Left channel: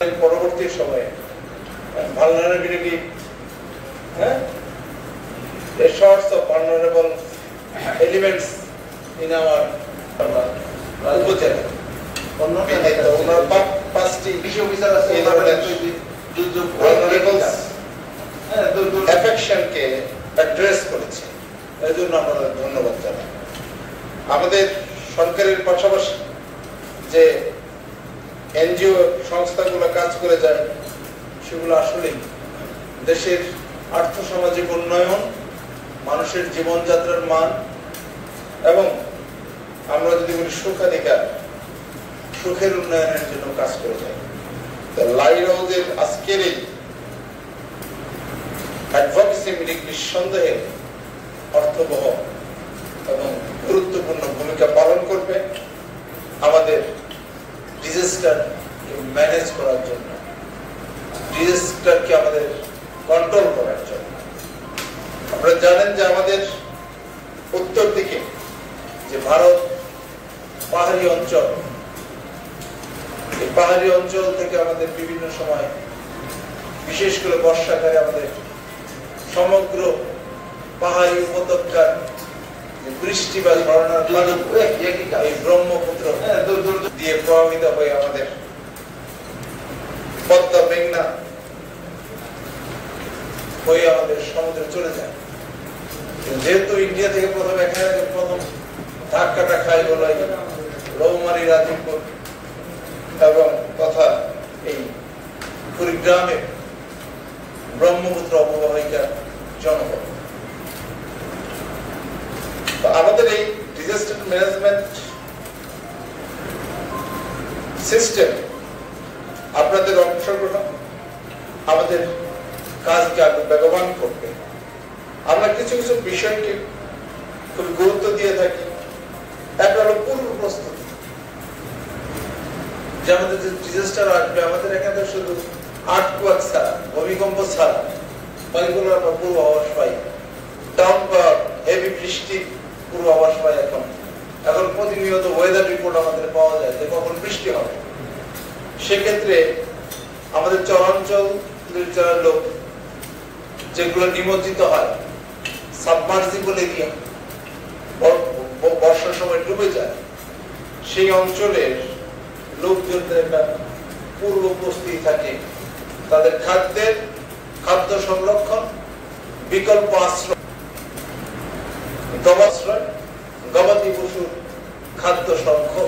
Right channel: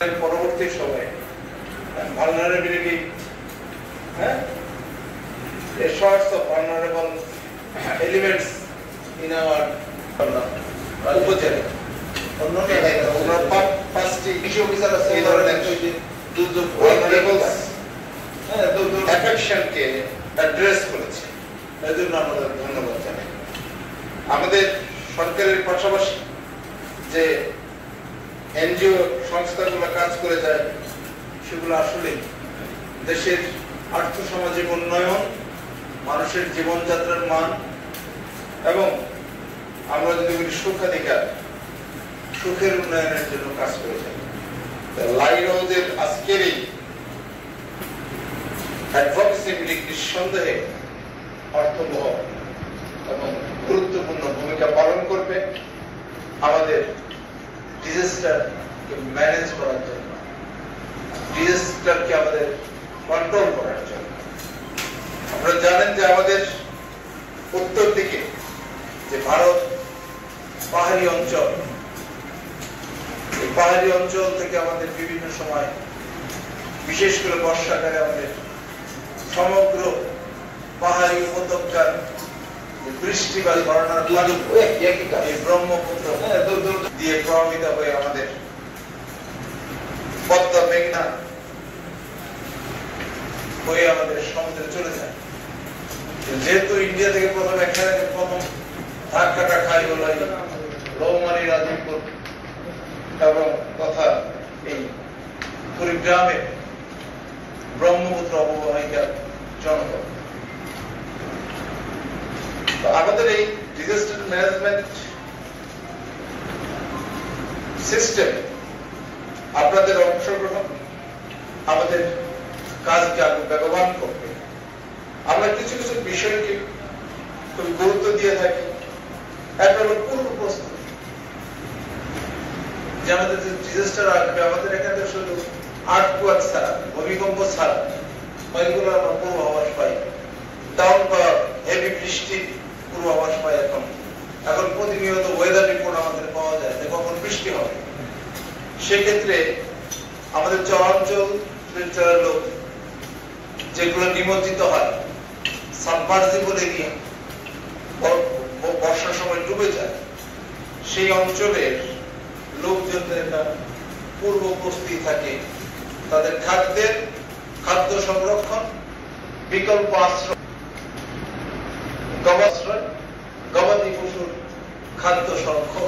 পরবর্তী সময়ে vulnerability, a sorts of vulnerable elements in our উপজেলা ওনার পাঁচটি কৃষি অফিসার আছে অ্যাফেকশনকে অ্যাড্রেস করেছে। এই জন্য আমরা ধন্যবাদ জানাই। আমাদের সরকারের পাশাপাশি যে এনজিও সংস্থাগুলো কাজ করে যায় সেগুলো আসলে দেশের আর্থসামাজিক উন্নয়ন, মানুষের জীবনযাত্রার মান এবং আমরা যদি বলি সুখাধিকার, সুখের উন্নয়নের জন্য কাজ করে যায়। লাইট হাউসের আজকের এই অ্যাডভোকেসি মিটিং নিঃসন্দেহে অর্থবহ এবং গুরুত্বপূর্ণ ভূমিকা পালন করবে আমাদের ডিজাস্টার ম্যানেজ করার জন্য, ডিজাস্টারকে আমাদের কন্ট্রোল করার জন্য। আপনারা জানেন যে আমাদের উত্তর দিকে যে ভারত পাহাড়ি অঞ্চল, এই পাহাড়ি অঞ্চল থেকে আমাদের বিভিন্ন সময় বিশেষ করে বর্ষাকালে আমাদের সমগ্র পাহাড়ি উপত্যকার বৃষ্টি বা ঝর্ণার এই ব্রহ্মপুত্র দিয়ে প্রভাবিত হয়ে আমাদের পদ্মা মেঘনা হয়ে আমাদের সমুদ্রে চলে যায়। যেহেতু ইন্ডিয়া থেকে প্রথম ধাক্কাটা খাই হলো রৌমারী, রাজীবপুর এবং তথা এই কুড়িগ্রামের ব্রহ্মপুত্র অববাহিকার জনপদ। আমাদের এই ডিজাস্টার ম্যানেজমেন্ট সিস্টেম আপনাদের অংশগ্রহণ আমাদের কাজকে আরো বেগবান করবে। আমরা কিছু কিছু বিষয়কে খুব গুরুত্ব দিয়ে থাকি। একটা হলো পূর্ব প্রস্তুতি, যে আমাদের যে ডিজাস্টার আসবে আমাদের এখানে শুধু আর্থকোয়েক ছাড়া, ভূমিকম্প ছাড়া ওইগুলো আমরা পূর্বাভাস পাই। ডাউন পাওয়ার হেভি বৃষ্টির পূর্বাভাস পাই। এখন প্রতিনিয়ত ওয়েদার রিপোর্ট আমাদের পাওয়া যায় যে কখন বৃষ্টি হবে। সেক্ষেত্রে আমাদের চরাঞ্চল লোক যেগুলো নিমজ্জিত হয়, সাবমার্সিবলে গিয়ে বর্ষার সময় ডুবে যায়, সেই অঞ্চলের লোকজনদের একটা পূর্ব প্রস্তুতি থাকে। তাদের খাদ্য সংরক্ষণ, বিকল্প আশ্রয়, গবাদি পশুর খাদ্য সংরক্ষণ